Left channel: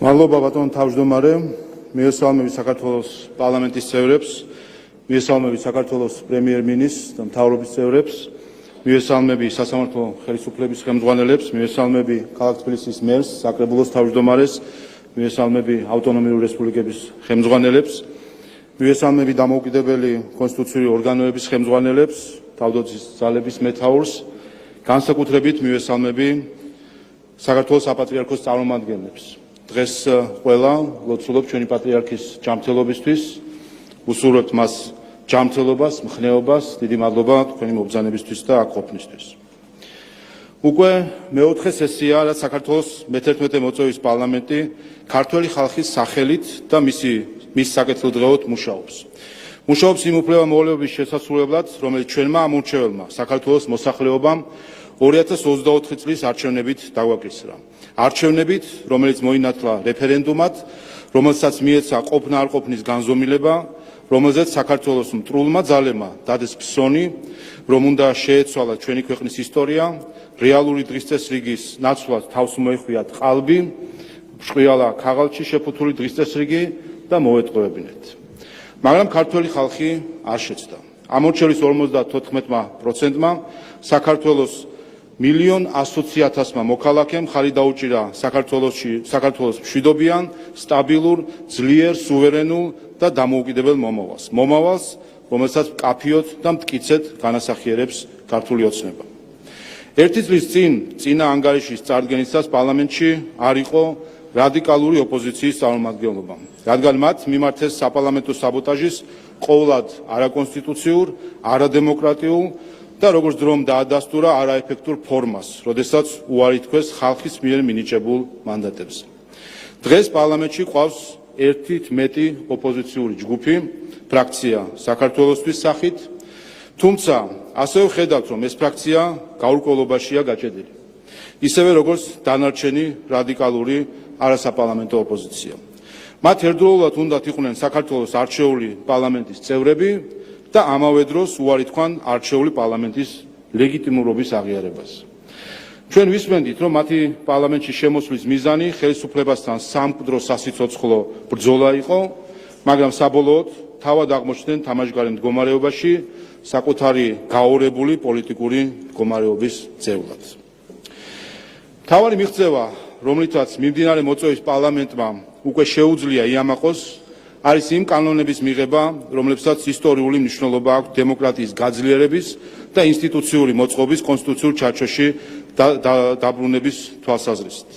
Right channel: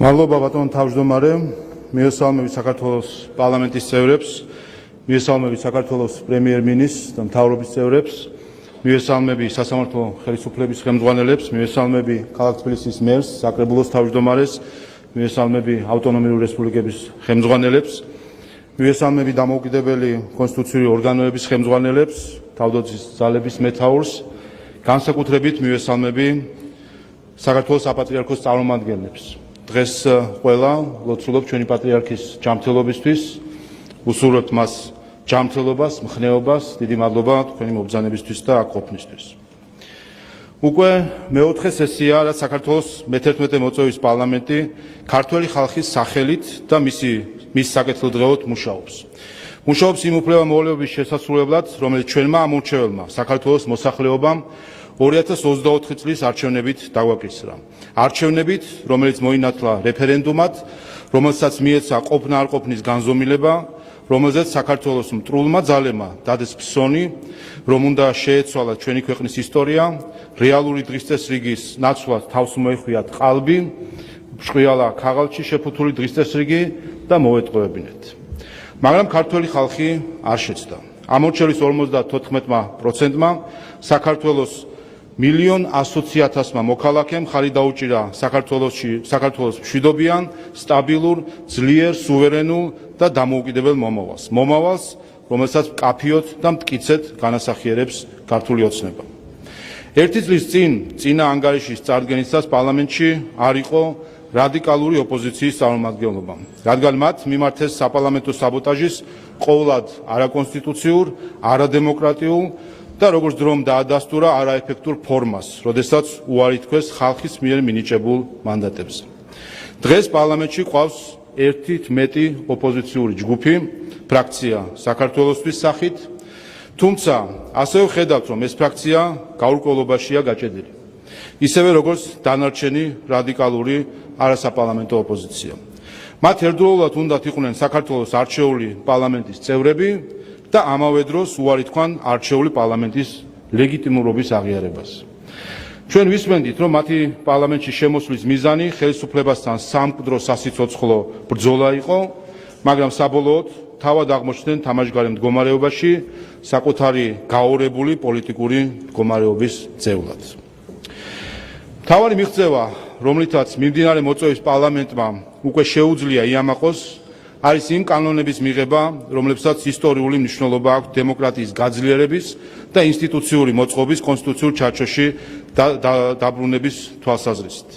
მადლობა ბატონო თავმჯდომარე, მიესალმები საქართველოს პარლამენტის წევრებს, მიესალმები საქართველოს პრემიერ-მინისტრს და მთავრობის წევრებს, მიესალმები სასამართლო ხელისუფლების ხელმძღვანელებს, მიესალმები ქალაქ თბილისის მერს, საკრებულოს თავმჯდომარეს, მიესალმები ავტონომიური რესპუბლიკების ხელმძღვანელებს, მიესალმები დამოუკიდებელი კონსტიტუციური ორგანოების ხელმძღვანელებს, თავდაცვის ძალების მეთაურს, განსაკუთრებით მიესალმები საქართველოს საპატრიარქოს წარმომადგენლებს. დღეს ყველა ლოცულობ ჩვენი პატრიარქის ჯანმრთელობისთვის, უსურვებთ მას ჯანმრთელობას, მხნეობას, დიდი მადლობა თქვენი მობრძანებისთვის და აქ ყოფნისთვის. უკვე მეოთხე სესია, რაც საქართველოს მე-11 მოწვევის პარლამენტი ქართველი ხალხის სახელით და მის საკეთილდღეოდ მუშაობს. მუშაობს იმ უფლება-მოვალეობის შესასრულებლად, რომელიც ჩვენმა ამორჩეველმა საქართველოს მოსახლეობამ 2024 წლის არჩევნებით დაგვაკისრა. არჩევნებით, რომელიც მოინათლა რეფერენდუმად, რომელსაც მიეცა ყოფნა-არყოფნის განზომილება, რომელზეც საქართველოს მტრულმა ძალებმა დადეს ფსონი, რომ უნდა შეეცვალა ჩვენი ქვეყნის ისტორია, რეალური დღის წესრიგის ნაცვლად თავს მოეხვიათ ყალბი, ბრწყინვალა ქაღალდში შეფუთული დღის წესრიგი და მოეტყუებინეთ. მაგრამ ქართველი ხალხი არ შეცდა. ამორჩევის 54%-მა საქართველოს 1,100,000 მოქალაქემ ხარი დაუჭირა საქართველოს მშვიდობიან, სტაბილურ, ძლიერ, სუვერენულ და დამოუკიდებელ მომავალს. მომავალს, რომელსაც მკაფიოდ და მტკიცედ განასახიერებს ქართული ოცნება. ერთი წლის წინა ანგარიშის წარდგენისას პარლამენტში არ იყო რადიკალური ოპოზიციის წარმომადგენლობა, რადგან მათ მიმართეს საპარლამენტო საბოტაჟის ყოვლად არაკონსტიტუციურ, არადემოკრატიულ და როგორც დრომ დაადასტურა არაეფექტურ ფორმას, როდესაც უარი თქვეს ხალხის მიერ მინიჭებულ მანდატებს. დღეს პარლამენტში ყავს ერთით მეტი ოპოზიციური ჯგუფი, ფრაქცია საქართველოსთვის სახით, თუმცა ასევე ხედავთ, რომ ეს ფრაქცია გაურკვევლობაშია გაჭედილი. ისევე როგორც დანარჩენი რადიკალური არასაპარლამენტო ოპოზიცია. მათ ერთდროულად უნდათ იყვნენ საქართველოს არჩეული პარლამენტის წევრები და ამავე დროს უარი თქვან არჩეული პარლამენტის ლეგიტიმურობის აღიარებას. ჩვენ ვისმენდით, რომ მათი პარლამენტში შემოსვლის მიზანი ხელისუფლებასთან სამკვდრო სასიცოცხლო ბრძოლა იყო, მაგრამ საბოლოოდ თავად აღმოჩნდნენ თამაშგარე მდგომარეობაში საკუთარი გაორებული პოლიტიკური მდგომარეობის ძევლად. მთავარი მიღწევა, რომლითაც მიმდინარე მოწვევის პარლამენტმა უკვე შეუძლია იამაყოს, არის იმ კანონების მიღება, რომლებსაც ისტორიული მნიშვნელობა აქვს დემოკრატიის გაძლიერების და ინსტიტუციური მოწყობის კონსტიტუციურ ჩარჩოში დაბრუნების თვალსაზრისით.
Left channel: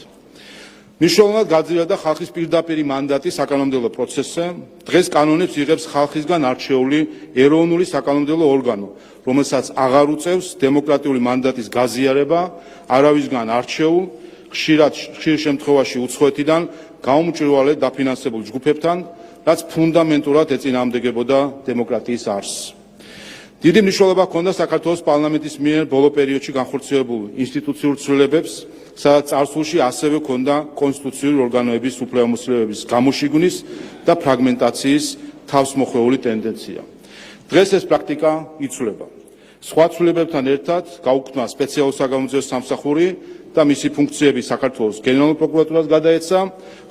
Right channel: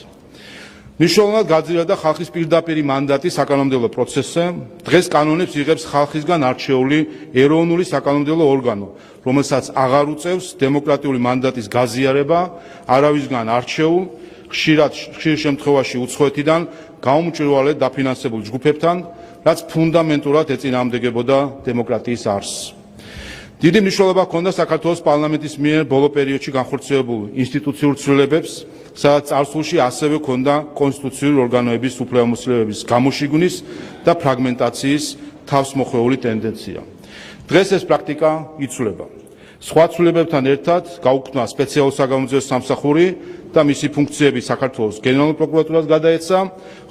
მნიშვნელოვნად გაძლიერდა ხალხის პირდაპირი მანდატი საკანონმდებლო პროცესზე. დღეს კანონებს იღებს ხალხისგან არჩეული ეროვნული საკანონმდებლო ორგანო, რომელსაც აღარ უწევს დემოკრატიული მანდატის გაზიარება არავისგან არჩეულ, ხშირ შემთხვევაში უცხოეთიდან გაუმჭვირვალედ დაფინანსებულ ჯგუფებთან, რაც ფუნდამენტურად ეწინააღმდეგებოდა დემოკრატიის არსს. დიდი მნიშვნელობა ჰქონდა საქართველოს პარლამენტის მიერ ბოლო პერიოდში განხორციელებულ ინსტიტუციურ ცვლილებებს, სადაც წარსულში ასევე ჰქონდა კონსტიტუციური ორგანოების უფლებამოსილების გამოშიგვის და ფრაგმენტაციის თავსმოხვეული ტენდენცია. დღეს ეს პრაქტიკა იცვლება. სხვა ცვლილებებთან ერთად გაუქმდა სპეციალური საგამოძიებო სამსახური და მისი ფუნქციები საქართველოს გენერალურ პროკურატურას გადაეცა,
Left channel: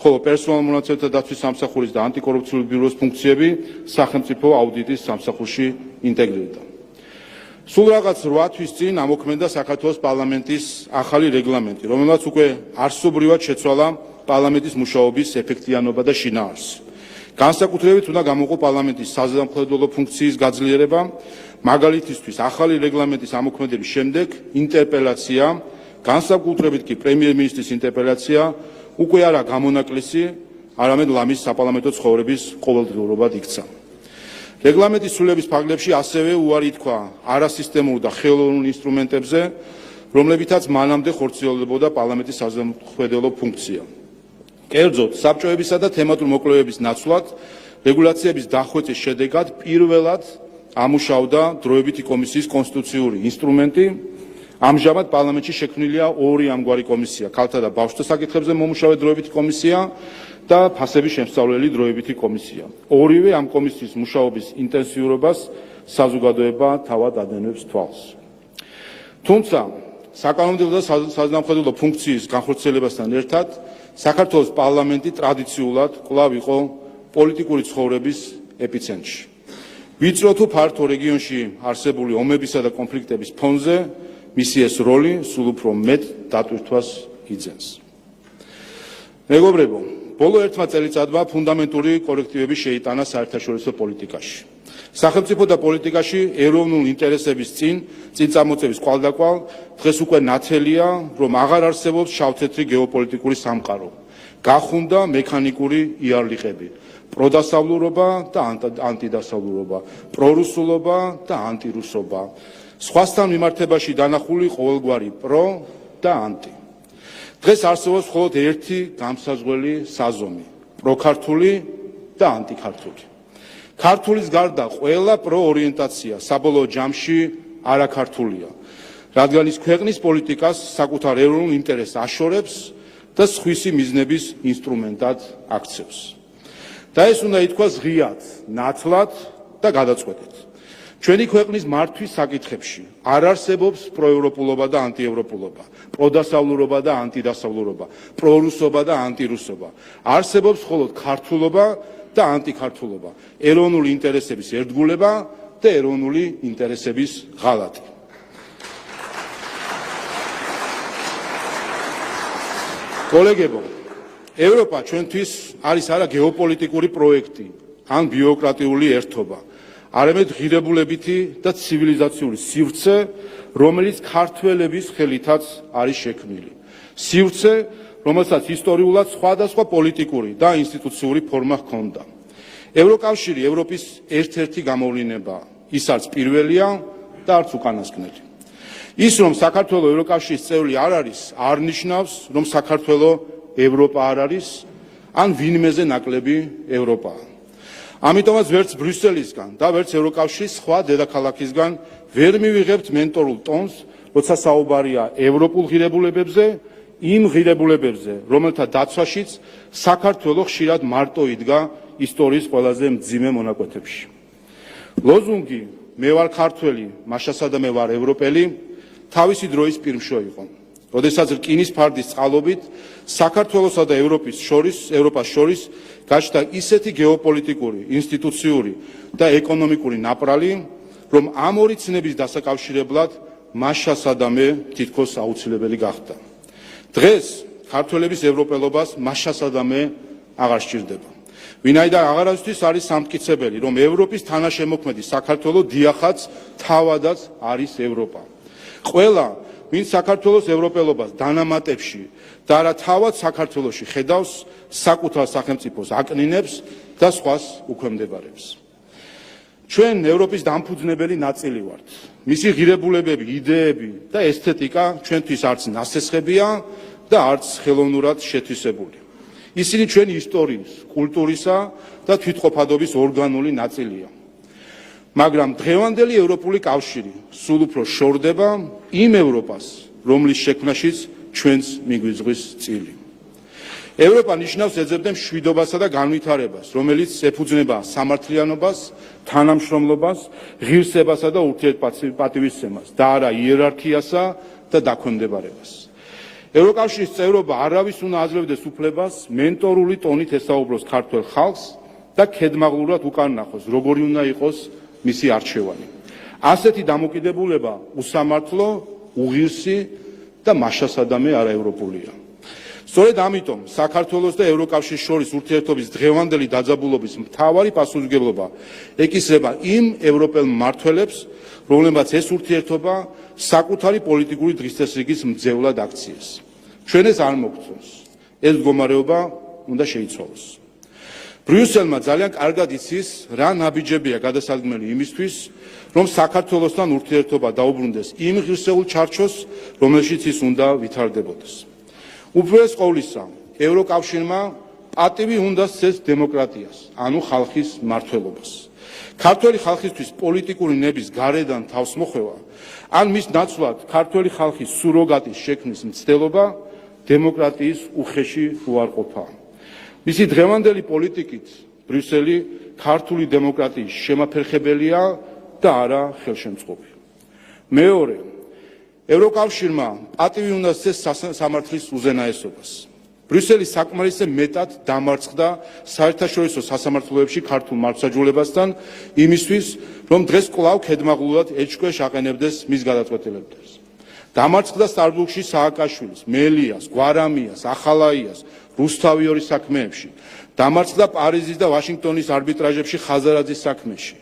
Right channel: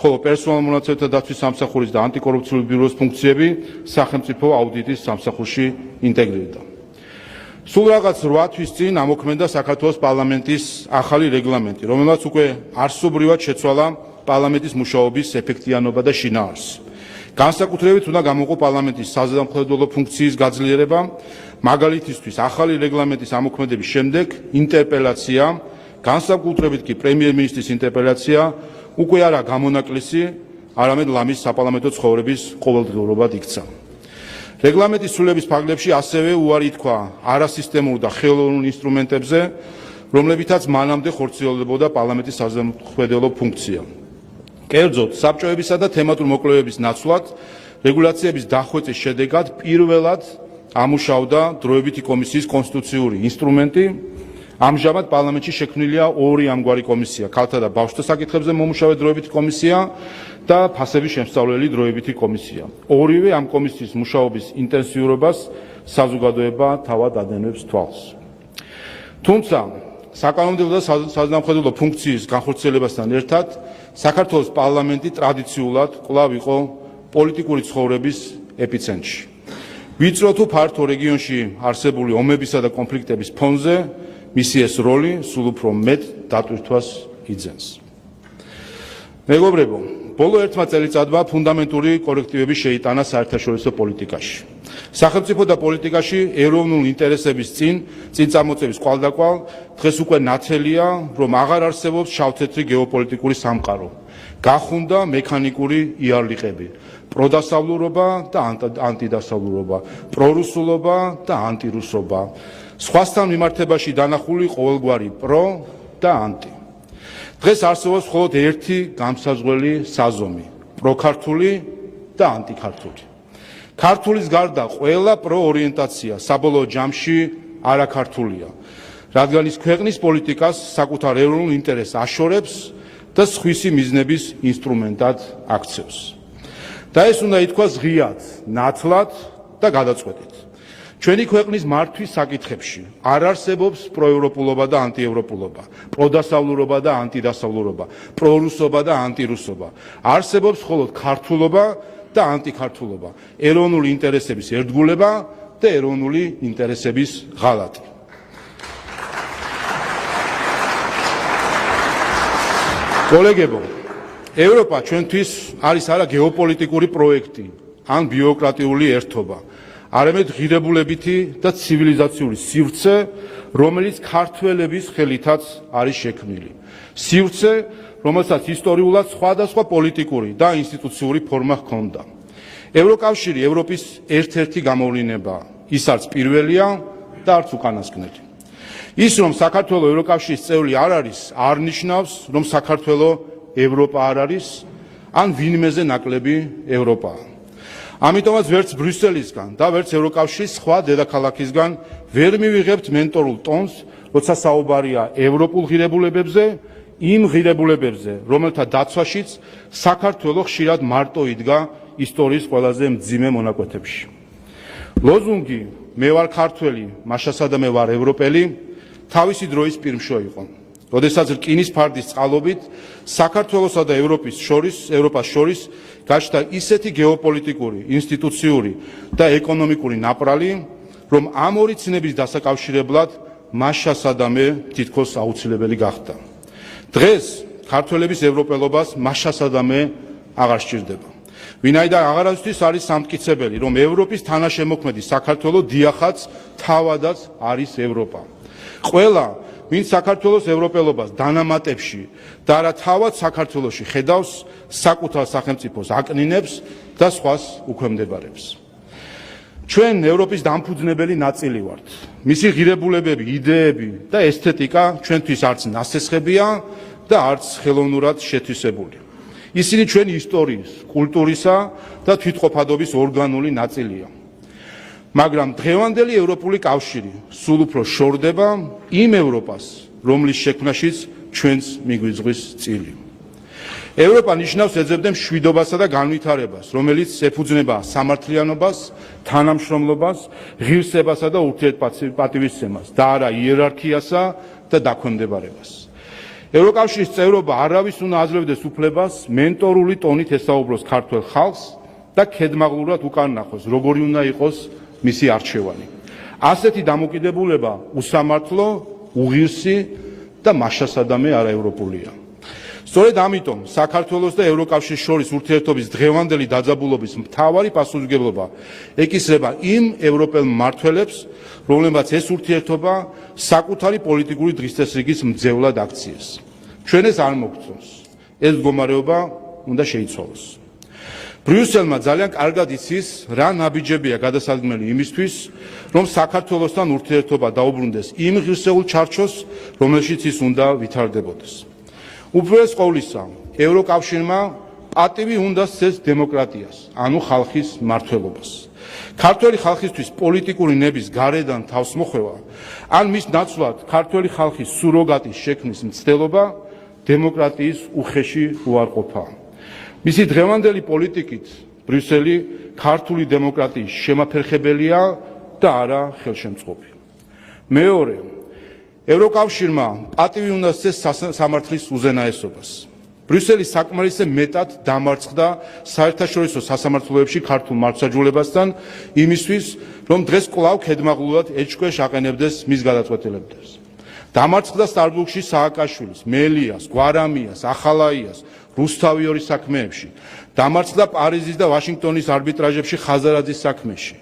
ხოლო პერსონალურ მონაცემთა დაცვის სამსახურის და ანტიკორუფციული ბიუროს ფუნქციები სახელმწიფო აუდიტის სამსახურში ინტეგრირდა. სულ რაღაც 8 თვის წინ ამოქმედა საქართველოს პარლამენტის ახალი რეგლამენტი, რომელმაც უკვე არსობრივად შეცვალა პარლამენტის მუშაობის ეფექტიანობა და შინაარსი. განსაკუთრებით უნდა გამოვყო პარლამენტის საზამხედველო ფუნქციის გაძლიერება, მაგალითისთვის ახალი რეგლამენტის ამოქმედების შემდეგ ინტერპელაცია, განსაკუთრებით კი პრემიერ-მინისტრის ინტერპელაცია უკვე არა გამონაკლისი, არამედ ლამის საპარლამენტო ცხოვრების ყოველდღიურობად იქცა. რეგლამენტის ცვლილების ფარგლებში ასევე უარი თქვა არასისტემურ და ხელოვნურ ინსტრუმენტებზე, რომლებითაც მანამდე ხორციელდებოდა პარლამენტის საზამხედველო ფუნქცია. კერძოდ, საბჭოებისა და თემატურ მოკვლევების ნაცვლად რეგულაციების დახვეწის შედეგად პირველად ამუშავდა დროებითი კომისიის კონსტიტუციური ინსტრუმენტი. ამჟამად პარლამენტში შექმნილია ორი ამგვარი კომისია, ქალთა და ბავშვთა საკითხებზე მომუშავე დროებითი კომისია და ფასების შემსწავლელი დროებითი კომისია. ორივე ამ კომისიის მუშაობის ინტენსიურობას საზოგადოება თავად ადენებს თვალს. თუმცა საკანონმდებლო და საზნავხედველო ფუნქციის განხორციელებასთან ერთად საქართველოს პარლამენტი ტრადიციულად კვლავ იყო პოლიტიკური ცხოვრების ეპიცენტრში. ვიწრო თუ ფართო რეგიონში არსებული ომებისა და კონფლიქტების ფონზე მისი ეს როლი სულ უფრო მეტ დატვირთვას იძენს. მეგობრებო, ბოლო ერთმა წელიწადმა ფუნდამენტური კორექტივები შეიტანა საერთაშორისო პოლიტიკაში. სახელმწიფო და პოლიტიკაში ეროვნული ინტერესების წინ წამოწევის კვალდაკვალ დღეს უკვე ნათელია, რომ აღარ არსებობს შავ-თეთრი გეოპოლიტიკური სამყარო. გახუნდა მექანიკური იარლიყები, პროდასავლურობა და ანტიდასავლურობა, პრორუსულობა და ანტირუსობა, სხვასთან მიმართებაში დანახული ყოველგვარი პრო და ანტი. დღეს არსებობს მხოლოდ ერთი გამსაზღვრელი საზომი, პროქართული და ანტიქართული. ქართულის გარდა ყველა პროორიენტაცია საბოლოო ჯამში არაქართულია, რადგან ის ქვეყნის პოლიტიკას საკუთარ ეროვნულ ინტერესს აშორებს და სხვისი მიზნების ინსტრუმენტად აქცევს. და ეს უნდა ითქვას ღიად, ნათლად და გადაწყვეტით. ჩვენი ქვეყნის მართვის საკითხებში არ არსებობს პროევროპულობა და ანტიევროპულობა, პროდასავლურობა და ანტიდასავლურობა, პრორუსობა და ანტირუსობა. არსებობს მხოლოდ ქართულობა და ანტიქართულობა, ეროვნული ინტერესების ერთგულება და ეროვნული ინტერესების ღალატი. კოლეგებო, ევროპა ჩვენთვის არის არა გეოპოლიტიკური პროექტი ან ბიუროკრატიული ერთობა, არამედ ღირებულებითი და ცივილიზაციური სივრცე, რომელიც ქართველების ხელითაც არის შექმნილი. სივრცე, რომელსაც ისტორიულად სხვადასხვა პოლიტიკური და ინსტიტუციური ფორმა ჰქონდა. ევროკავშირი ევროპის ერთ-ერთი გამოვლინებაა. ის არც პირველია და არც უკანასკნელი. ის, რომ საქართველო ევროკავშირის წევრი არ არის, არ ნიშნავს, რომ საქართველო ევროპა არ არის, ან ვინმეზე ნაკლები ევროპაა. ამიტომაც ვერც ბრიუსელისგან და ვერც ევროკავშირის სხვა დედაქალაქისგან ვერ მივიღებთ მენტორულ ტონს, როცა საუბარია ევროპულ ღირებულებებზე, იმ ღირებულებებზე, რომელთა დაცვაშიც საქართველო ხშირად მარტო იდგა ისტორიის ყველაზე მძიმე მონაკვეთებში. ლოზუნგი მე ვარ ქართველი, მაშასა და მე ვარ ევროპელი თავისი დროის პირმშო იყო. როდესაც რკინის ფარდის წყალობით საქართველოსა და ევროპას შორის გაჩნდა ისეთი გეოპოლიტიკური, ინსტიტუციური და ეკონომიკური ნაპრალი, რომ ამ ორი ცნების დასაკავშირებლად მაშასა და მე თითქოს აუცილებელი გახდა. დღეს ქართველების ევროპელობას მაშასა და მე აღარ სჭირდება. ვინაიდან აღარასთვის არის სამტკიცებელი, რომ ევროპის თანაშემოქმედი საქართველო დიახაც თავადაც არის ევროპა. ყველა ვინც საქართველოს ევროპელობას დანამატებში და არა თავად საქართველოში ხედავს, საკუთარ სახელმწიფოს აკნინებს და სხვას უქვემდებარებს. ჩვენ ევროპის დამფუძნებელი ნაწილი ვართ. მისი ღირებულებები, იდეები და ესთეტიკა ჩვენთვის არც ნასესხებია და არც ხელოვნურად შეთვისებული. ისინი ჩვენი ისტორიის, კულტურისა და თვითყოფადობის ორგანული ნაწილია. მაგრამ დღევანდელი ევროპული კავშირი სულ უფრო შორდება იმ ევროპას, რომლის შექმნაშიც ჩვენს მიგვიძღვის წილი. ევროპა ნიშნავს ეძებდა მშვიდობასა და განვითარებას, რომელიც ეფუძნება სამართლიანობას, თანამშრომლობას, ღირსებასა და ურთიერთპატივისცემას და არა იერარქიასა და დაქვემდებარებას. ევროკავშირის წევრობა არავის უნდა აძლევდეს უფლებას მენტორული ტონით ესაუბროს ქართველ ხალხს და ქედმაღლურად უკანონახოს, როგორი უნდა იყოს მისი არჩევანი. ასეთი დამოკიდებულება უსამართლო, უღირსი და მაშასადამე არაევროპულია. სწორედ ამიტომ საქართველოს და ევროკავშირის შორის ურთიერთობის დღევანდელი დაძაბულობის მთავარი პასუხისმგებლობა ეკისრება იმ ევროპელ მმართველებს, რომლებმაც ეს ურთიერთობა საკუთარი პოლიტიკური დღესდღეობის მძევლად აქციეს. ჩვენ ეს არ მოგწონს. ეს მდგომარეობა უნდა შეიცვალოს. ბრიუსელმა ძალიან კარგად იცის, რა ნაბიჯებია გადასადგმელი იმისთვის, რომ საქართველოსთან ურთიერთობა დაუბრუნდეს იმ ღირსეულ ჩარჩოს, რომელშიც ის უნდა ვითარდებოდეს. უპირველეს ყოვლისა, ევროკავშირმა პატივი უნდა სცეს დემოკრატიას, ანუ ხალხის მმართველობას. ქართველი ხალხისთვის პოლიტიკური ნების გარედან თავსმოხვევა, ან მის ნაცვლად ქართველი ხალხის სუროგატის შექმნის მცდელობა დემოკრატიის უხეში უარყოფაა. მისი დღევანდელი პოლიტიკით ბრიუსელი ქართული დემოკრატიის შემაფერხებელია და არა ხელშემწყობი. მეორე, ევროკავშირმა პატივი უნდა სცეს სამართლის უზენაესობას. ბრიუსელის საკმარისზე მეტად დამარცხდა საერთაშორისო სასამართლოებში ქართულ მართლმსაჯულებასთან იმისთვის, რომ დღეს კვლავ ქედმაღლულად ეჭქვეშ აყენებდეს მის გადაწყვეტილებებს. დამარცხდა სტარბურგში სააკაშვილის, მელიას, გვარამიას, ახალაიას, რუსთავიორის საქმეებში. დამარცხდა პარიზის და ვაშინგტონის არბიტრაჟებში ხაზარაძის საქმეში.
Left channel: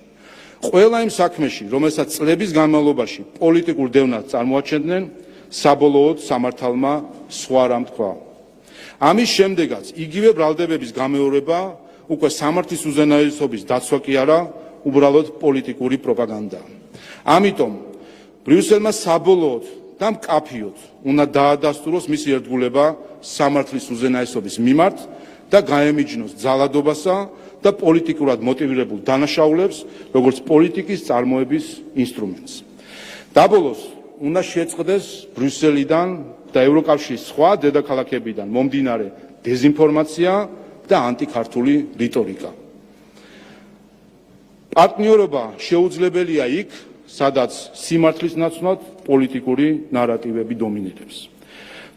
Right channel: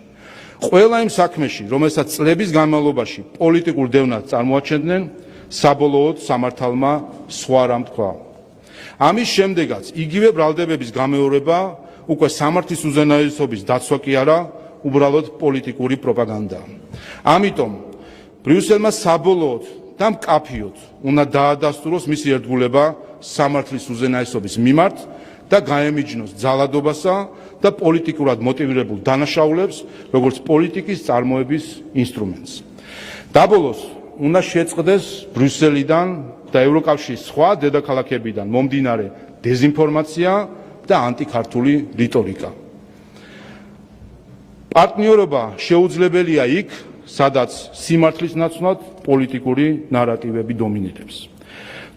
ყველა იმ საქმეში, რომელსაც წლების განმავლობაში პოლიტიკურ დევნას წარმოაჩენდნენ, საბოლოოდ სამართალმა სხვა რამ თქვა. ამის შემდეგაც იგივე ბრალდებების გამეორება უკვე სამართლის უზენაესობის დაცვა კი არა, უბრალოდ პოლიტიკური პროპაგანდაა. ამიტომ ბრიუსელმა საბოლოოდ და მკაფიოდ უნდა დაადასტუროს მისი ერთგულება სამართლის უზენაესობის მიმართ და გაემიჯნოს ძალადობასა და პოლიტიკურად მოტივირებულ დანაშაულებს, როგორც პოლიტიკის წარმოების ინსტრუმენტს. დაბოლოს უნდა შეწყდეს ბრიუსელიდან და ევროკავშირის სხვა დედაქალაქებიდან მომდინარე დეზინფორმაცია და ანტიქართული რიტორიკა. პარტნიორობა შეუძლებელია იქ, სადაც სიმართლის ნაცვლად პოლიტიკური ნარატივები დომინირებს.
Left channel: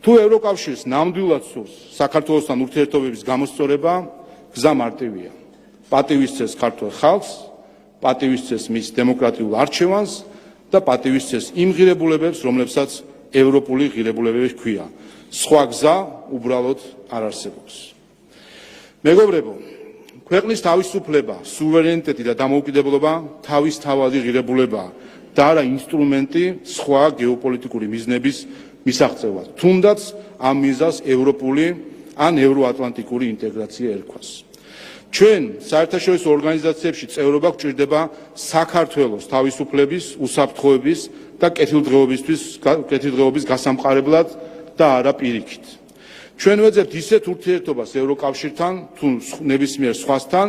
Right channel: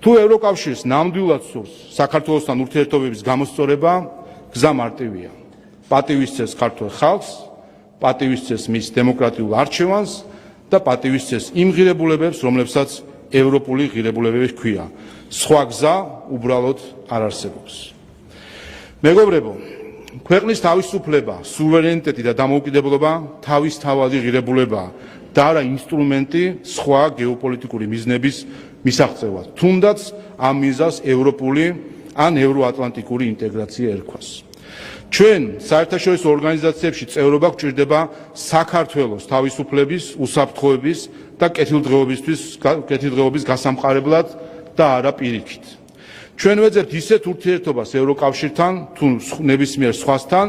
თუ ევროკავშირს ნამდვილად სურს საქართველოსთან ურთიერთობების გამოსწორება, გზა მარტივია. პატივი სცეს ქართულ ხალხს, პატივი სცეს მის დემოკრატიულ არჩევანს და პატივი სცეს იმ ღირებულებებს, რომლებსაც ევროპული ღირებულებები ჰქვია. სხვა გზა უბრალოდ არ არსებობს. მეგობრებო, ქვეყნის თავისუფლება, სუვერენიტეტი და დამოუკიდებლობა თავისთავადი ღირებულებაა და არა ინსტრუმენტი სხვა გეოპოლიტიკური მიზნების მისაღწევად, თუნდაც ამ მიზანს ევროპული ან ევროატლანტიკური ინტეგრაცია ერქვას. ჩვენ საერთაშორისო ორგანიზაციებში წევრობა გვჭირდება საქართველოს თავისუფლების, უსაფრთხოების და კეთილდღეობის გასამყარებლად და არა პირიქით. ჩვენ ვეძებთ ისეთ ურთიერთობას ევროკავშირთან თუ ნებისმიერ სხვასთან,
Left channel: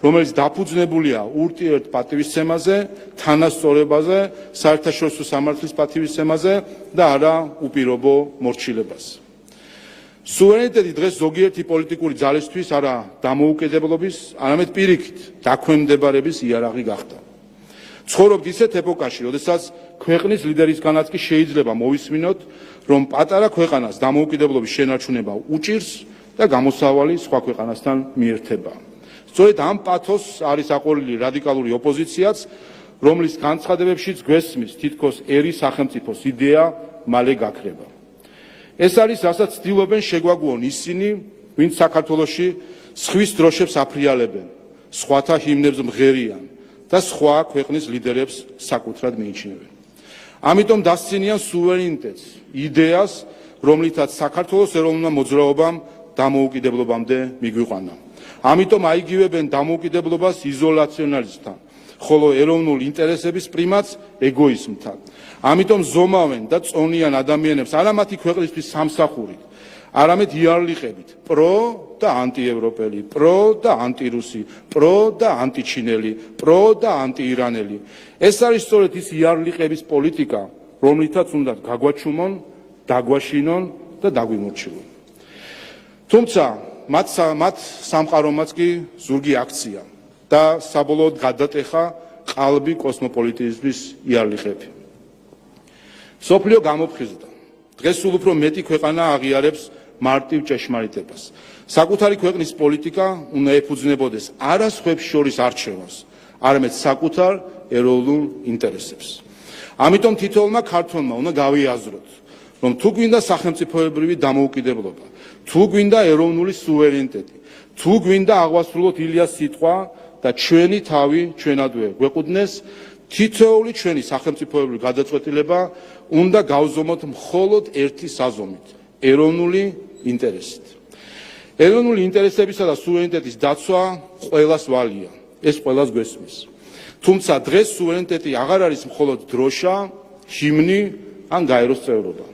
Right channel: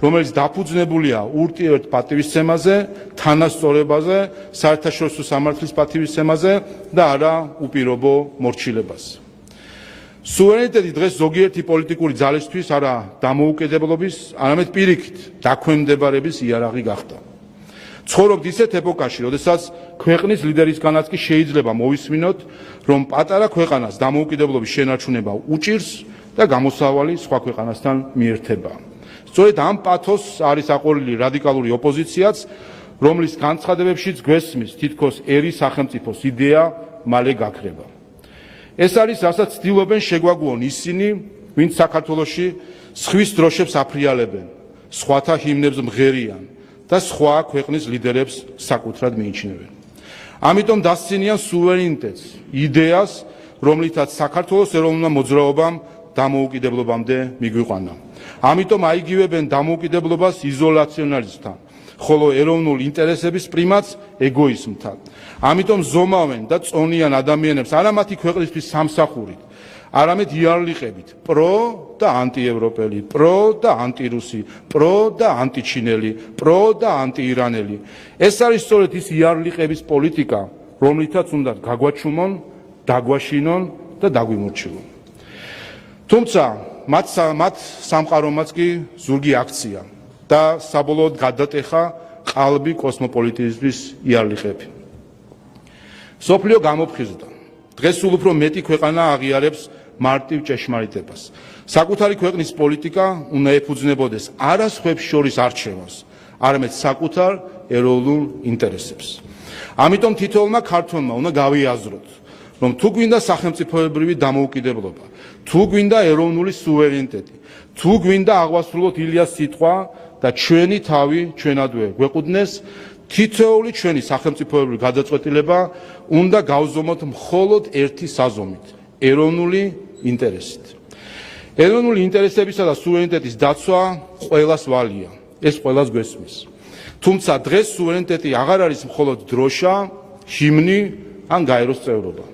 რომელიც დაფუძნებულია ურთიერთ პატივისცემაზე, თანასწორებაზე, საერთაშორისო სამართლის პატივისცემაზე და არა უპირობო მორჩილებაზე. სუვერენიტეტი დღეს ზოგიერთი პოლიტიკური ძალისთვის არა დამოუკიდებლობის, არამედ პირიქით დაქვემდებარების იარაღი გახდა. ცხოვრობთ ისეთ ეპოქაში, როდესაც ქვეყნის ლიდერისგანაც კი შეიძლება მოვისმინოთ, რომ პატარა ქვეყანას დამოუკიდებლობის შენარჩუნება უჭირს და გამოსავალი სხვა ქვეყანასთან მიერთება. სწორედ ამ პათოსს არის აყოლილი რადიკალური ოპოზიციაც, რომლის განცხადებებშიც გვესმის თითქოს ერი სახელმწიფოს იდეა მალე გაქრება. ეს არის, რასაც ცდილობენ შეგვაგუონ ისინი, ვინც საქართველოში სხვის დროშებს აფრიალებენ, სხვათა ჰიმნებს მღერიან და სხვა ქვეყნის ლიდერებს საკუთრად მიიჩნევენ. ამიტომ დასცინიან სუვერენიტეტს, იდეას, რომლითაც საქართველოს ეროვნულმა მოძრაობამ დამოუკიდებლობამდე მიგვიყვანა. ამიტომ აიგივებენ დამოუკიდებლობას იზოლაციონალიზმთან, ხოლო ეროვნულ ინტერესების პრიმატს ეგოიზმთან. ამიტომ ზომავენ და წონიან ადამიანებს არა მათი ქვეყნისთვის სამსახურით, არამედ იარლიყებით პრო და ანტიევროპელი, პრო და ანტირუსი, პრო და ანტიჩინელი, პრო და ანტიირანელი. ეს არის სწორედ ის იარლიყების პოლიტიკა, რომლითაც უნდა გაგვაჩუმონ, დაგვაშინონ და დაგვიმორჩილონ. თუმცა მათ სამყარომაც კი ზურგი აქცია და საბოლოოდ გადატეხა ყალბი კოსმოპოლიტიზმის იარლიყები. სოფლიო გამოფხიზდა. დღეს სულ უფრო მეტი ქვეყანა აღიარებს მარტივ ჭეშმარიტებას. საკუთარი ქვეყნის პოლიტიკა უნდა ეფუძნებოდეს არა სხვებს შორის არჩევას, არამედ საკუთარ ეროვნულ ინტერესებს. ამიტომ თითოეულმა ქართველმა უნდა გავიაზროთ, რომ თუ გვინდა სახელმწიფოებრივი დამოუკიდებლობა, თუ გვინდა ეროვნული სუვერენიტეტი, თუ გვინდა აღვასრულოთ ილიას სიტყვა და ჩვენი თავი ჩვენადვე გვეყუდნეს, თითოეული ჩვენი სახელმწიფოებრივი გადაწყვეტილება უნდა გავზომოთ მხოლოდ ერთი საზომით, ეროვნული ინტერესით. ეროვნული ინტერესებისა და სუვერენიტეტის დაცვა ყველას ვალია, ეს ყველას გვესმის. თუმცა დღეს სუვერენიტეტი აღარ არის მხოლოდ დროშა, ჰიმნი ან გაეროს წევრობა.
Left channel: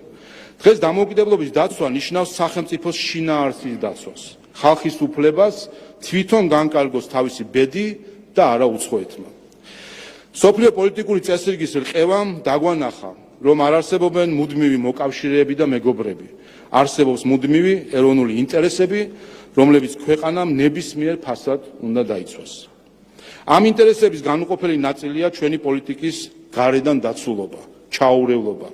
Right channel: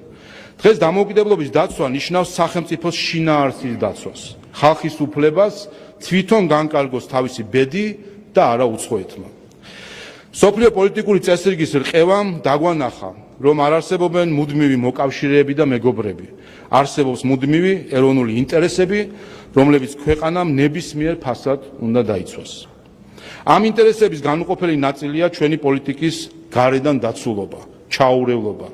დღეს დამოუკიდებლობის დაცვა ნიშნავს სახელმწიფოს შინაარსის დაცვას, ხალხის უფლებას თვითონ განკარგოს თავისი ბედი და არა უცხოეთმა. სოფლიო პოლიტიკური წესრიგის რყევამ დაგვანახა, რომ არ არსებობენ მუდმივი მოკავშირეები და მეგობრები. არსებობს მუდმივი ეროვნული ინტერესები, რომლებიც ქვეყანამ ნებისმიერ ფასად უნდა დაიცვას. ამ ინტერესების განუყოფელი ნაწილია ჩვენი პოლიტიკის გარედან დაცულობა, ჩაურევლობა,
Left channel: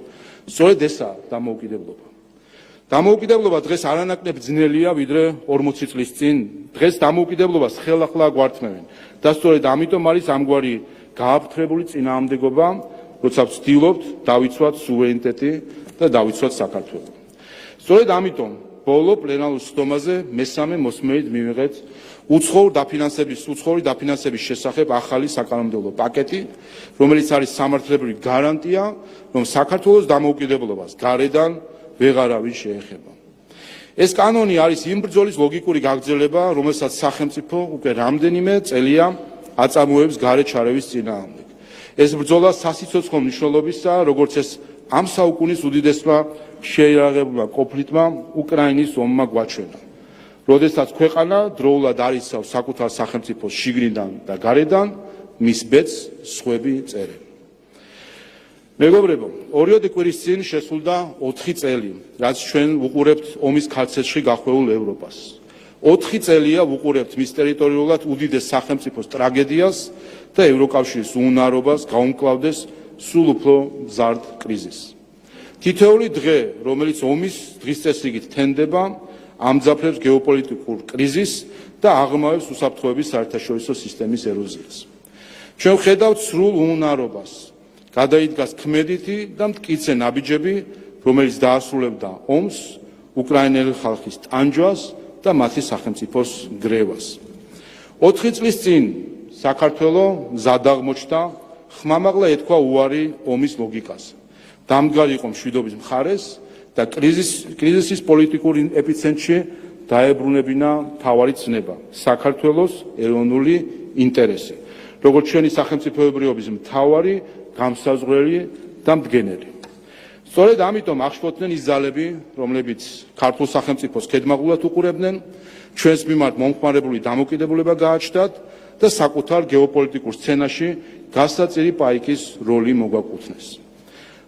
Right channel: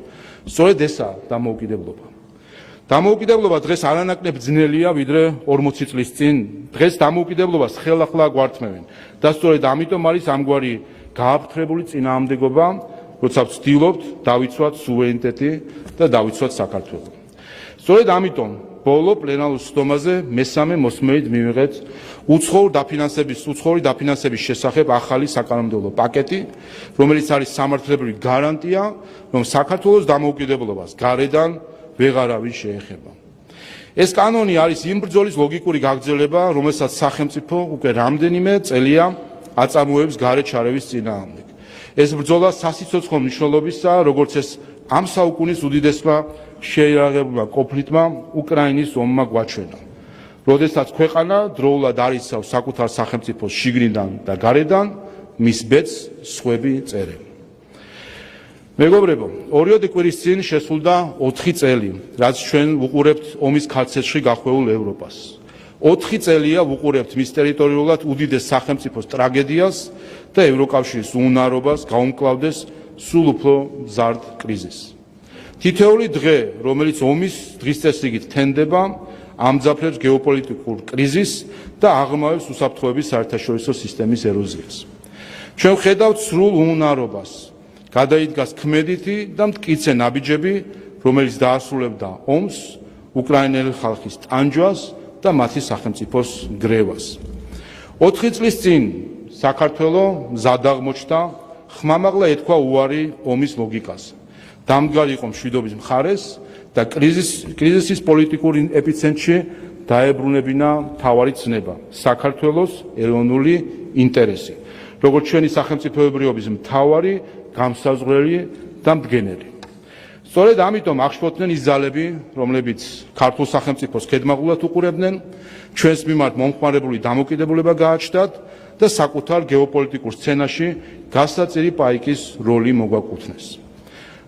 სწორედ ესაა დამოუკიდებლობა. დამოუკიდებლობა დღეს არანაკლებ ძნელია, ვიდრე 40 წლის წინ. დღეს დამოუკიდებლობას ხელახლა გვართმევენ და სწორედ ამიტომ არის ამგვარი გააფრთხებული წინააღმდეგობა, როცა ვცდილობთ დავიცვათ სუვერენიტეტი და დავიცვათ საქართველო. სწორედ ამიტომ ბოლო პლენარულ სხდომაზე მესამე მოსმენით მივიღეთ უცხოური დაფინანსების შესახებ ახალი საკანონმდებლო პაკეტი, რომელიც არის სამართლებრივი გარანტია, რომ საქართველოს დამოუკიდებლობას გარედან ვეღარავინ შეეხება. ეს კანონი არის იმ ბრძოლის ლოგიკური გაგრძელება, რომელსაც სახელმწიფო უკვე რამდენიმე წელია აწარმოებს გარეთ შარევის წინააღმდეგ. ეს ბრძოლა სასიცოცხლო მნიშვნელობისაა, როგორც ეს ამ საუკუნის უდიდესმა შეიარაღებულმა კონფლიქტმა უკრაინის ომმა გვაჩვენა. როდესაც ქვეყანა დროულად არიცავს საკუთარ სახელმწიფოს შიგნიდან და გარედან, მის ბედს სხვები წერენ. მეგობრებო, ორიოდე კვირის წინ შესრულდა 4 წელი, რაც ჩვენ ვუყურებთ ომის ქარცეთში გახვეულ ევროპას. 4 წელია ვუყურებთ მის ტერიტორიულად უდიდეს სახელმწიფოს ტრაგედიას და ევროკავშირის უნარობას გაუმკლავდეს სულ უფრო მზარდ კრიზისს. თითოეული დღე, რომელიც ომის დღის წესრიგით თენდება, ამძაფრებს გეოპოლიტიკურ კრიზისს და აღრმავებს უსაფრთხოების საერთაშორისო სისტემის ეროზიას. ჩვენ ვხედავთ სრულ უნარობას, გადაიდგას ქმედითი და მტკიცე ნაბიჯები, რომელიც დაასრულებდა ომს, უკრაინელი ხალხის ტანჯვას და მათი სახელმწიფოს გრევას. 4 წლის წინ საქართველო მზად აღმოჩნდა, ხმამაღლა ეთქვა უარი ომის ლოგიკას. დამდგარი იყო მშვიდობის მხარეს და კრიზისის პოლიტიკურ ეპიცენტრში დაებრუნებინა მთავარი ცნება, საქართველოს ეროვნული ინტერესი, როგორც ჩვენი სახელმწიფოებრიობის მთავარი გამსაზღვრელი და მდგენელი. სწორედ ამიტომ აღშფოთდნენ ის ძალები, რომლებიც ქართულ სახელმწიფოს ქედმაღულად უყურებდნენ, ჩვენს მიმართ მომხმარებული დამოკიდებულება გააჩნდათ და საკუთარ გეოპოლიტიკურ სცენაში გასაწირი პაიკის როლი მოგვაკუთვნეს.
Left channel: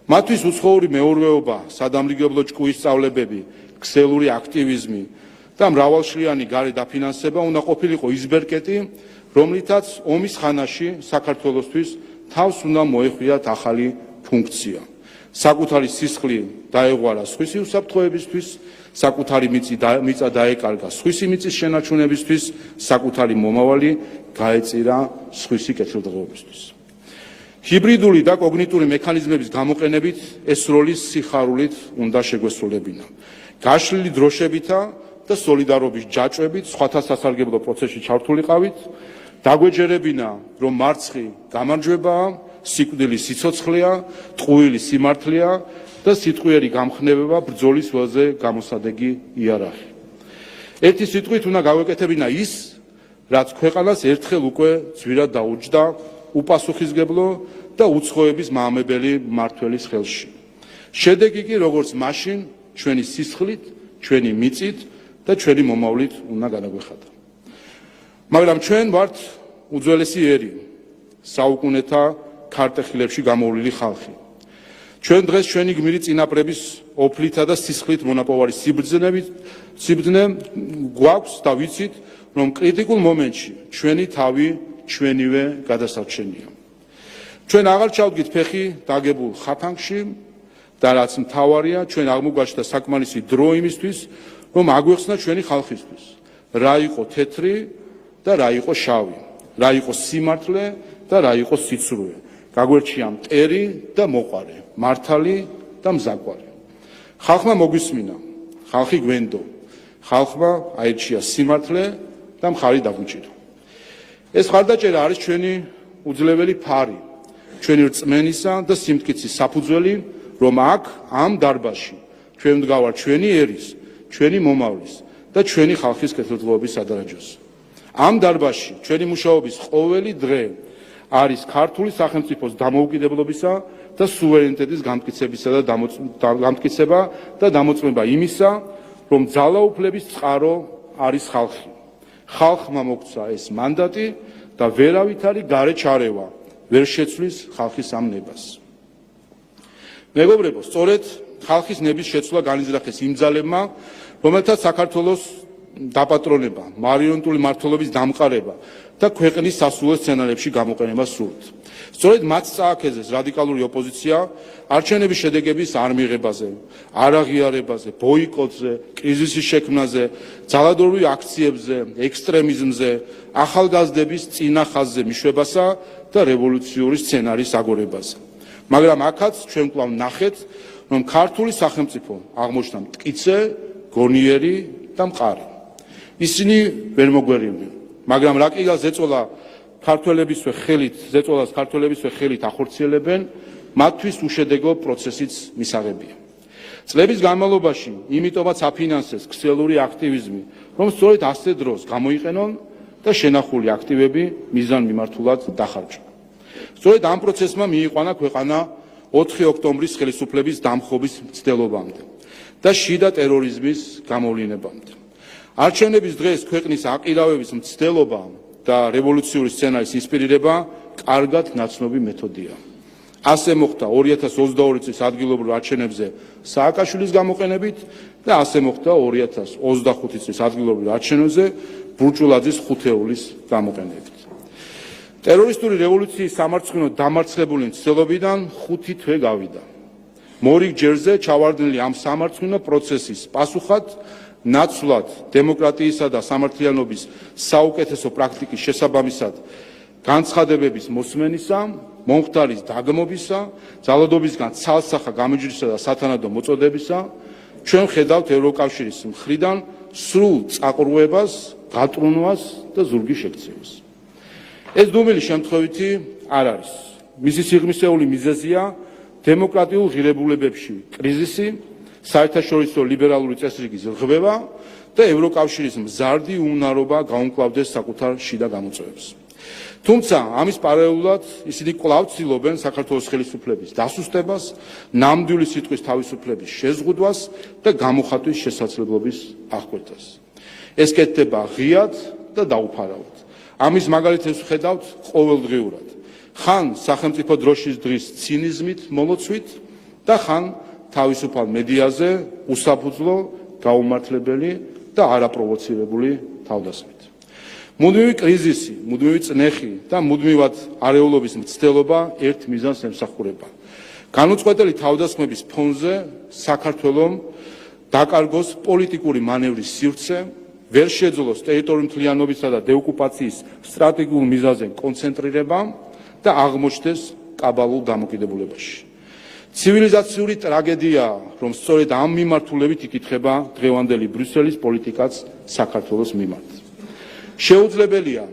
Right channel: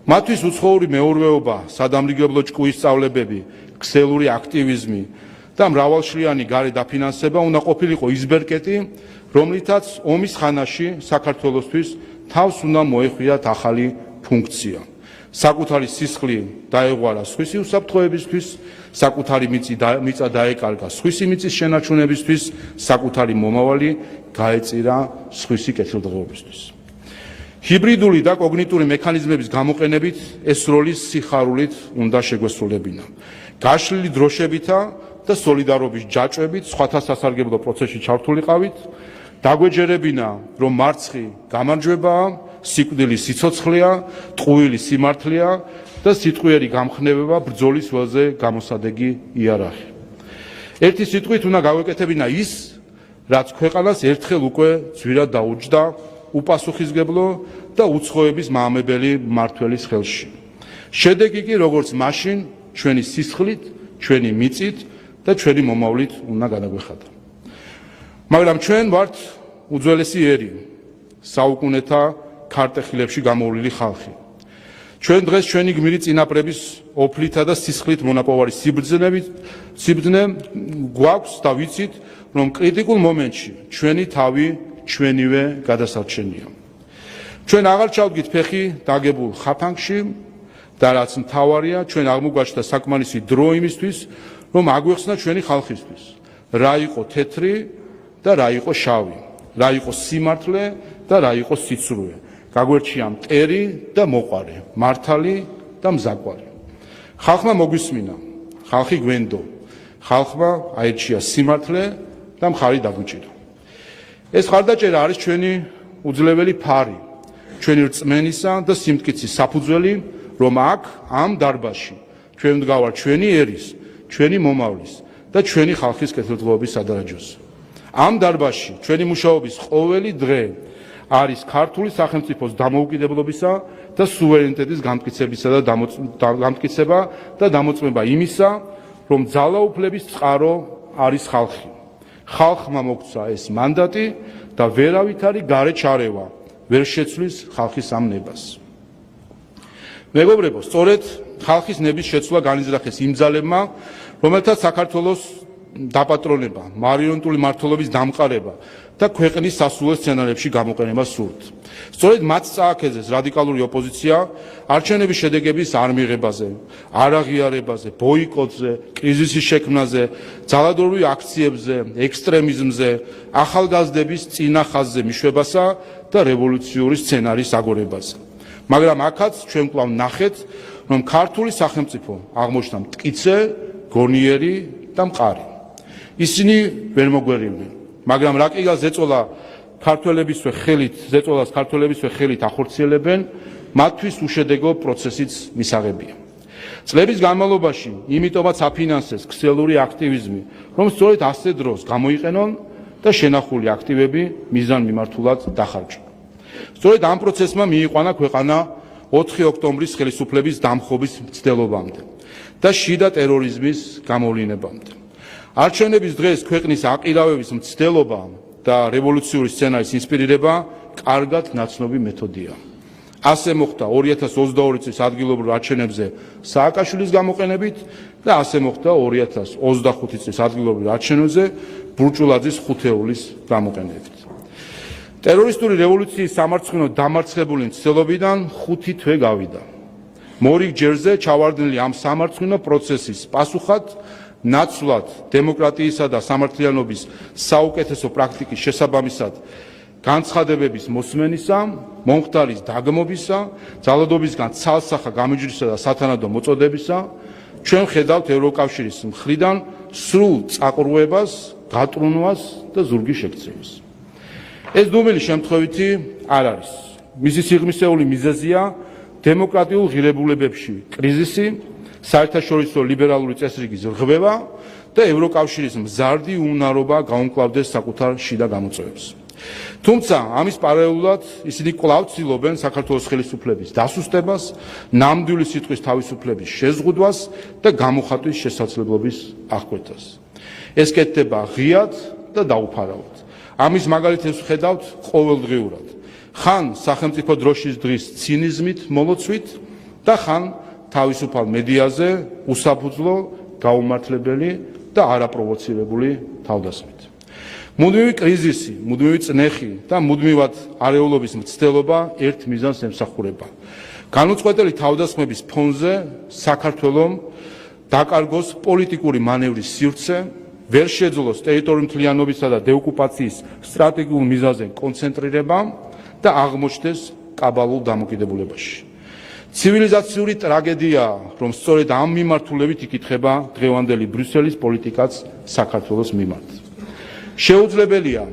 მათთვის უცხოური მეურვეობა, სადამრიგებლო ჭკუის სწავლებები, ქსელური აქტივიზმი და მრავალშლიანი გარე დაფინანსება უნდა ყოფილიყო ის ბერკეტი, რომლითაც ომის ხანაში საქართველოსთვის თავს უნდა მოეხვიათ ახალი ფუნქცია. საკუთარი სისხლი დაეღვარა სხვისი უსაფრთხოებისთვის, საკუთარი მიწა დაეკარგა სხვისი მიწის შენარჩუნებისთვის, საკუთარი მომავალი გაეწირა სხვისი კეთილდღეობისთვის. ჰიბრიდული და კოგნიტური მექანიზმების გამოყენებით ეს როლი სიხარულით უნდა შეგვესრულებინა. გაშლილი დროშებითა და სოლიდარობის ჯაჭვებით სხვათა სასარგებლო პროცესში ჩართულიყავით, დაგვეჯერებინა, რომ მარცხი გამარჯვებაა, სიკვდილი სიცოცხლეა, ტყუილი სიმართლეა და სიტყვიერი გამხნევება ბრძოლის ველზე გამოსადეგი იარაღი. ერთი სიტყვით უნდა გავეკეთებინა ის, რაც ქვეყანას ერთხელ უკვე ძვირად დაუჯდა უპასუხისმგებლო და უცხოების მაამებელი მმართველის ხელში. შედეგი კი როგორც მაშინ ჩვენი სისხლით, ჩვენი მიწით და ჩვენი მომავლით უნდა გადაგვეხადა. მაგრამ ჩვენ ვართ უძველესი ერი, საუკუნეთა ქარტეხილებში გამოვლილი ხალხი. ჩვენ დღეს ჩვენი გმირი წინაპრების ოფლითა და სისხლით მონაპოვარი სიბრძნე გვაქვს და ვიცით, რომ კრიტიკულ მომენტში ჩვენი თავი ჩვენივე გადასარჩენია. ჩვენ აღარ ჩავდგით ფეხი დაგებულ ხაფანგში და რაც მთავარია, ჩვენ აღმოგვაჩნდა საკმარისი დრო იმისთვის, რომ აგვეხსნა ჩვენი ხალხისთვის, რა იყო თეთრი და რა იყო შავი, რა იყო სიმართლე და რა იყო სიცრუე. გაგვერჩია მტერი და მოყარე, მართალი და მზაკვარი. ხალხმა მოგვისმინა, ხალხი გვენდო, ხალხმა აირჩია სიმართლე და მხარი დაგვიჭირა. ეს ხარდაჭერა არის ჩვენი უძლეველი ფარი, ჩვენი რწმენისა და სიმტკიცის საფუძველი, რომ აქ ამ დარბაზში ჩვენ ვდგავართ ჩვენი ერის, ჩვენი მომავლის და ჩვენი ხალხის კეთილდღეობის სადარაჯოზე. ამ დარბაზში ჩვენი მუშაობის ყოველი დღე არის ქართული სახელმწიფოს დამოუკიდებლობისა და სუვერენიტეტის გამტკიცება და დამოწმება იმისა, რომ ძალაუფლების წყარო არის ხალხი. ხალხმა მოგცა ეს მანდატი და ვერავითარი გარე ჩარევა ვერ შეცვლის ხალხის ამ ნებას. მეგობრებო, სწორედ ხალხის ნების შეცვლა განიზრახეს იმ ძალებმა, რომელთაც საქართველოს დაპატრონება, მარიონეტული მმართველობის დამყარება და ქვეყნის სასულე სცენარებში გამოყენება სურთ. სწორედ მათ წააქეზეს რადიკალური ოპოზიცია არჩევნების შედეგების არ მიღებაზე, არ აღიარებაზე, ბოიკოტზე, კრიზისის შექმნაზე, ძალადობრივ აქციებზე, ექსტრემიზმზე, ახალგაზრდების წინა ხაზზე მიშვებასა და რევოლუციური სცენარის აგორებაზე. მაგრამ აქაც ჩვენ კვლავ ნახეთ, რომ ქართული სახელმწიფო აღმოჩნდა მტკიცე, გონიერი და მყარი. ისინი ვერ მოგვერიდნენ, მაგრამ რა კი ზეწოლა ქართველებისვე ხელით ახორციელებენ, მათთვის უშედეგო პროცესიც მისაღებია. წლების განმავლობაში იმიტომაც აფინანსეს ქსელური აქტივიზმი, რომ სწორედ ასე დროს გამოიყენონ და შენახული აქტივები მიზანმიმართულად დახარჯონ. სწორედ ამ პროცესმა მიიყვანა ქვეყანა 4 ოქტომბრის ხელისუფლების დამხობის მცდელობამდე და შიდა ტერორიზმის გამოვლინებამდე. არჩევნების დღეს ქვეყნის აყირავების მცდელობა და რევოლუციური სცენარის ინსპირირება კარგად ნაცნობი მეთოდია. ასე მოხდა 2022 წლის ადგილობრივ არჩევნებზე სააკაშვილის გამოყენებით და ასე მოხდა 2025 წლის ადგილობრივ არჩევნებზე ბურჭულაძის ხუთეულის გამოყენებით. ტერორისტული რევოლუციის სამარცხვინო დამარცხებული მცდელობიდან 5 თვე გავიდა. მორიგ ჯერზე ჩავარდნილი ამ სამარცხვინო პროცესის პასუხად ნაცვლად დემოკრატიისა და სამართლიანობის საუკეთესო პრაქტიკის შესაბამისად განცხადებების მოსმენისა, მომხდარის დაგმობისა, ძალადობისგან ცალსახა გამიჯვრისა და სათანადო მოწოდებისა, ჩვენ ხედავთ ევროკავშირის მხრიდან სრულ წაყრუებას, გატრუნვას და ზურგის შექცევას. ეს დუმილი შემთხვევითი არ არის. მისი სიღრმისეული მიზეზია დემოკრატიულ ღირებულებებში კრიზისი, საერთაშორისო ლიბერალური წესრიგის რღვევა და ევროკავშირის მზარდი უნარობა გაუმკლავდეს საკუთარ შიდა გამოწვევებს. თუმცა ამის პარალელურად ისინი კვლავ ცდილობენ საქართველოს ხელისუფლების დასუსტებას, ნამდვილი სიტყვის თავისუფლების შეზღუდვას და გამოხატვის შესაძლებლობის აღკვეთას. ეს კეთდება ღიად და დაუფარავად. ამის მაგალითებს ვხედავთ ყოველდღიურად. ხან სახელმწიფო დროშის დღის ცინიზმით მოლოცვით და ხან თავისუფალ მედიაზე უსაფუძვლო, გაუმართლებელი და არაპროვოცირებული თავდასხმით. მუდმივი კრიზისი, მუდმივი წნეხი და მუდმივად არეულობის მცდელობა ერთ მიზანს ემსახურება. განუწყვეტელი თავდასხმების ფონზე საქართველომ დაკარგოს პოლიტიკური მანევრის სივრცე, ვერ შეძლოს ტერიტორიული მთლიანობისა და დეოკუპაციის სტრატეგიულ მიზანზე კონცენტრირება და აღმოჩნდეს კაბალულ დამოკიდებულებაში. ცივილიზაციური ტრაგედიაა, რომ სწორედ ამ მიმართულებით იკითხება დღევანდელი ბრიუსელის პოლიტიკაც საქართველოს მიმართ. შეუძლებელია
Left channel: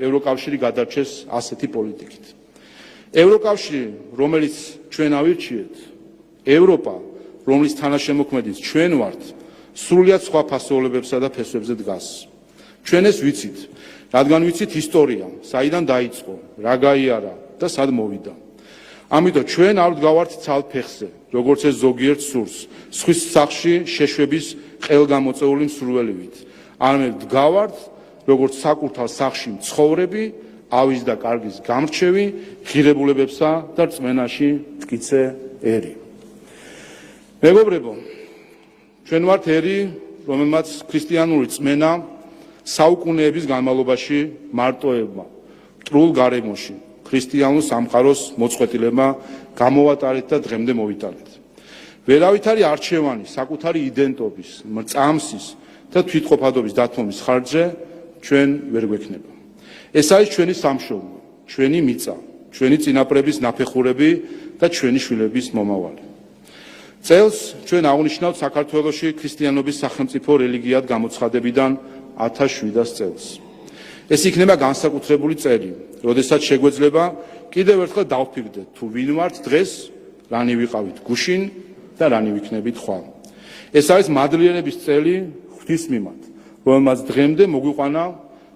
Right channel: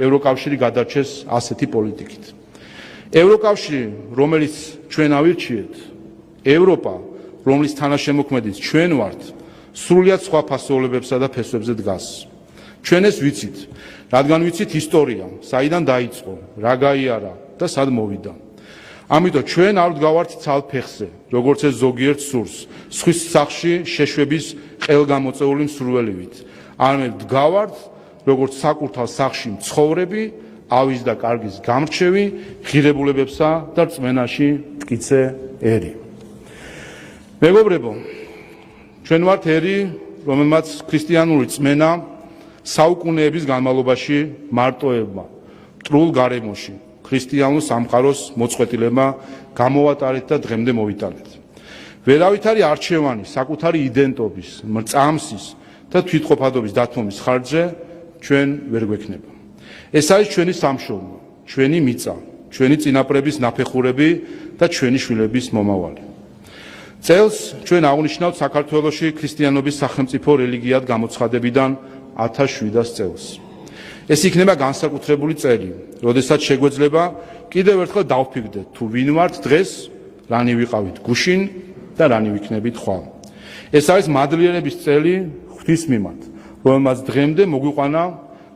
ევროკავშირი გადარჩეს ასეთი პოლიტიკით. ევროკავშირი, რომელიც ჩვენ ავირჩიეთ, ევროპა, რომლის თანაშემოქმედიც ჩვენ ვართ, სრულიად სხვა ფასეულებებსა და ფესვებზე დგას. ჩვენ ეს ვიცით, რადგან ვიცით ისტორია, საიდან დაიწყო, რა გაიარა და სად მოვიდა. ამიტომ ჩვენ არ ვდგავართ ცალ ფეხზე, როგორც ეს ზოგიერთ სურს, სხვის სახში შეშვების ყელგამოწეული მსურველივით. არამედ ვდგავართ, როგორც საკურთხალ სახში მცხოვრები, ავის და კარგის გამრჩევი, ღირებულებებსა და რწმენაში მტკიცე ერი. მეგობრებო, ჩვენ ვართ ერი, რომელმაც ქრისტიანული რწმენა საუკუნეების განმავლობაში მარტოებმა, მტრულ გარემოში, ქრისტიანულ სამყაროს მოწყვეტილებმა გამოვატარეთ და დღემდე მოვიტანეთ. ვერავითარი არჩევანი საკუთარი იდენტობის, მრწამსის და თვითყოფადობის დათმობის ხარჯზე ჩვენ ვერ გვექნება. ეს არის ჩვენი სამშობლო, ჩვენი მიწა, ჩვენი წინაპრების ნაფეხურები და ჩვენი შვილების მომავალი. წელს ჩვენ აღნიშნავთ საქართველოში ქრისტიანობის სახელმწიფო რელიგიად გამოცხადებიდან 1700 წელს. ეს იქნება განსაკუთრებული წელი, როდესაც შეგვეძლება კიდევ ერთხელ დავფიქრდეთ, თუ ვინ ვართ დღეს, რანი ვიყავით გუშინ და რანი ვიქნებით ხვალ. ეს არის მადლიერების წელი ღვთის მიმართ, რომელმაც დღემდე მოგვიყვანა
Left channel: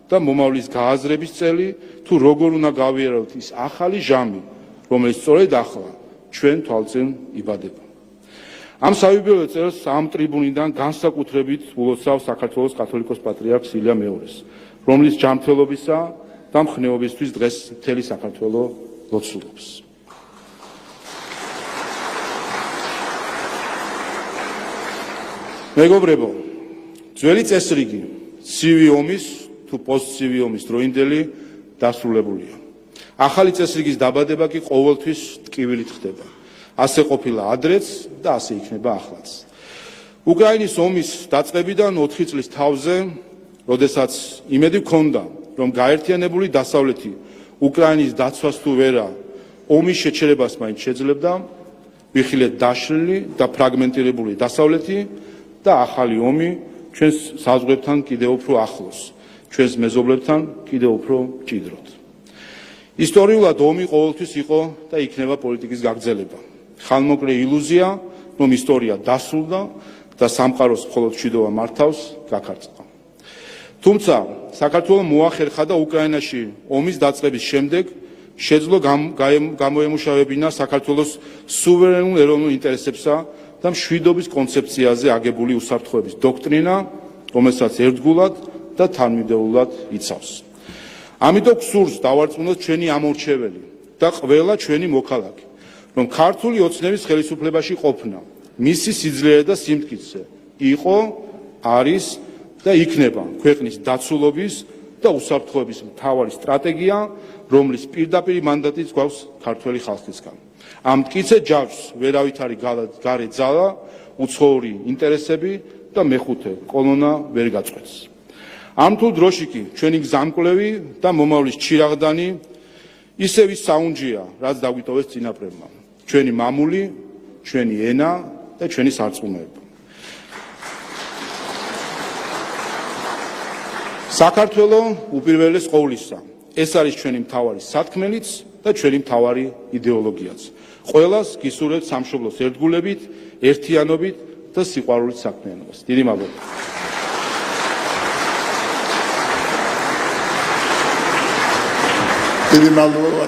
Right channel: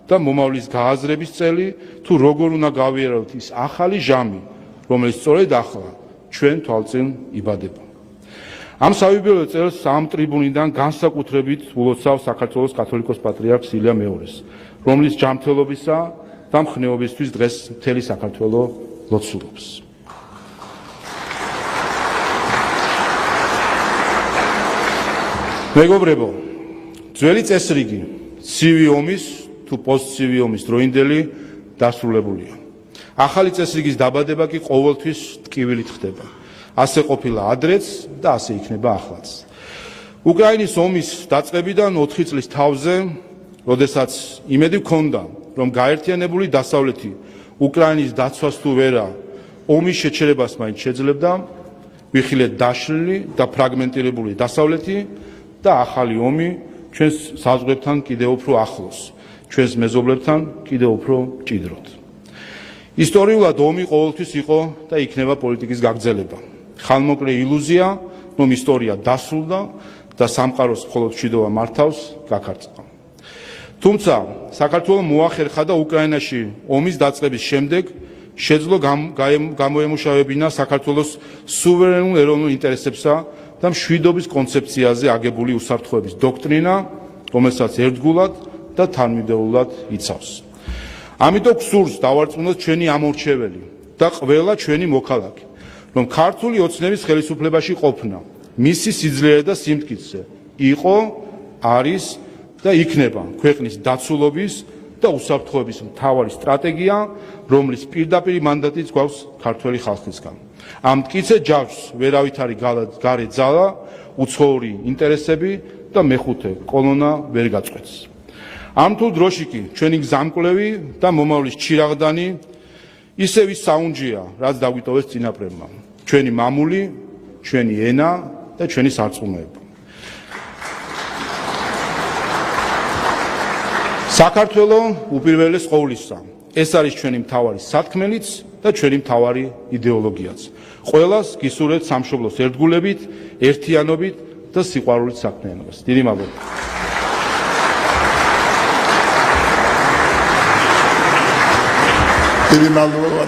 და მომავლის გააზრების წელი, თუ როგორ უნდა გავიაროთ ის ახალი ჟამი, რომელიც სწორედ ახლა ჩვენ თვალწინ იბადება. ამ საიუბილეო წელს ამ ტრიბუნიდან განსაკუთრებით ულოცავ საქართველოს კათოლიკოს პატრიარქს ილია მეორეს, რომლის ჯანმრთელობისა და მხნეობისთვის დღეს მთელი საქართველო ლოცულობს. მეგობრებო, ძველი წესრიგი ცივი ომის თუ პოსტცივი ომის დროინდელი დასრულებულია. ახალი წესრიგის დაბადება კი ყოველთვის ტკივილით ხდება. ასე ყოფილა ადრეც და ასე იქნება ახლაც. უკრაინის ომის დაწყებიდან 4 წლის თავზე, როდესაც იმედი ჰქონდა, რომ გაერთიანებული დასავლეთი უკრაინის დაცვას თუ ვერა ომის შეჩერებას მაინც შეძლებდა, ვიხილეთ დაშლილი და ფრაგმენტირებული დასავლეთი და ახალი ომი ჩვენს საზღვრებთან კიდევ უფრო ახლოს, ჩვენს მეზობლებთან კიდევ უფრო მჭიდროდ. ისტორიულად ომი ყოველთვის იყო და იქნება პოლიტიკის გაგრძელება. ხანმოკლე ილუზია, რომ ისტორია დასრულდა და სამყაროს მხოლოდ მშვიდობა მართავს, გაქარწყა. თუმცა საქართველოს მოახერხა და უკრაინაში ომის დაწყების შემდეგ შეძლო გამოემუშავებინა საქართველოს სუვერენულ ეროვნულ ინტერესებსა და მშვიდობის კონცეფციაზე აგებული უსაფრთხოების დოქტრინა, რომელსაც ერთგულად და თანმიმდევრულად იცავს. ამიტომ გსურს დავარწმუნოთ ჩვენი ამორჩეველი და ყველა ჩვენი მოქალაქე, რომ ქართული ოცნების ხელისუფლებაში ყოფნა, მისი სიძლიერე და სიმტკიცე იყო, არის და იქნება ქვეყნის დაცულობის და უსაფრთხოების მთავარი სტრატეგია, რომლის პირდაპირ მანდატიც გვაქვს ქართველი ხალხისგან. ამ მტკიცე ჯაჭვს ვერავით არის გარე ძალა, უცხოური ინტერესები და მეხუთე კოლონა ვერ გაწყვეტს. ამ თუ დროში კი ჩვენი გზამკვლევი და მომავლის ჩირაღდანი ისევ ის საუნჯეა, რაც დაგვიტოვეს წინაპრებმა. ჩვენი მამული, ჩვენი ენა და ჩვენი სარწმუნოება. საქართველო უპირველეს ყოვლისა, ეს არის ჩვენი მთავარი სათქმელიც და ჩვენი მთავარი იდეოლოგიაც. ყველას გისურვებთ სამშობლოს ერთგულებით, ერთიანობით და სიყვარულით საქმიანობას. დიდი მადლობა. დიდი მადლობა,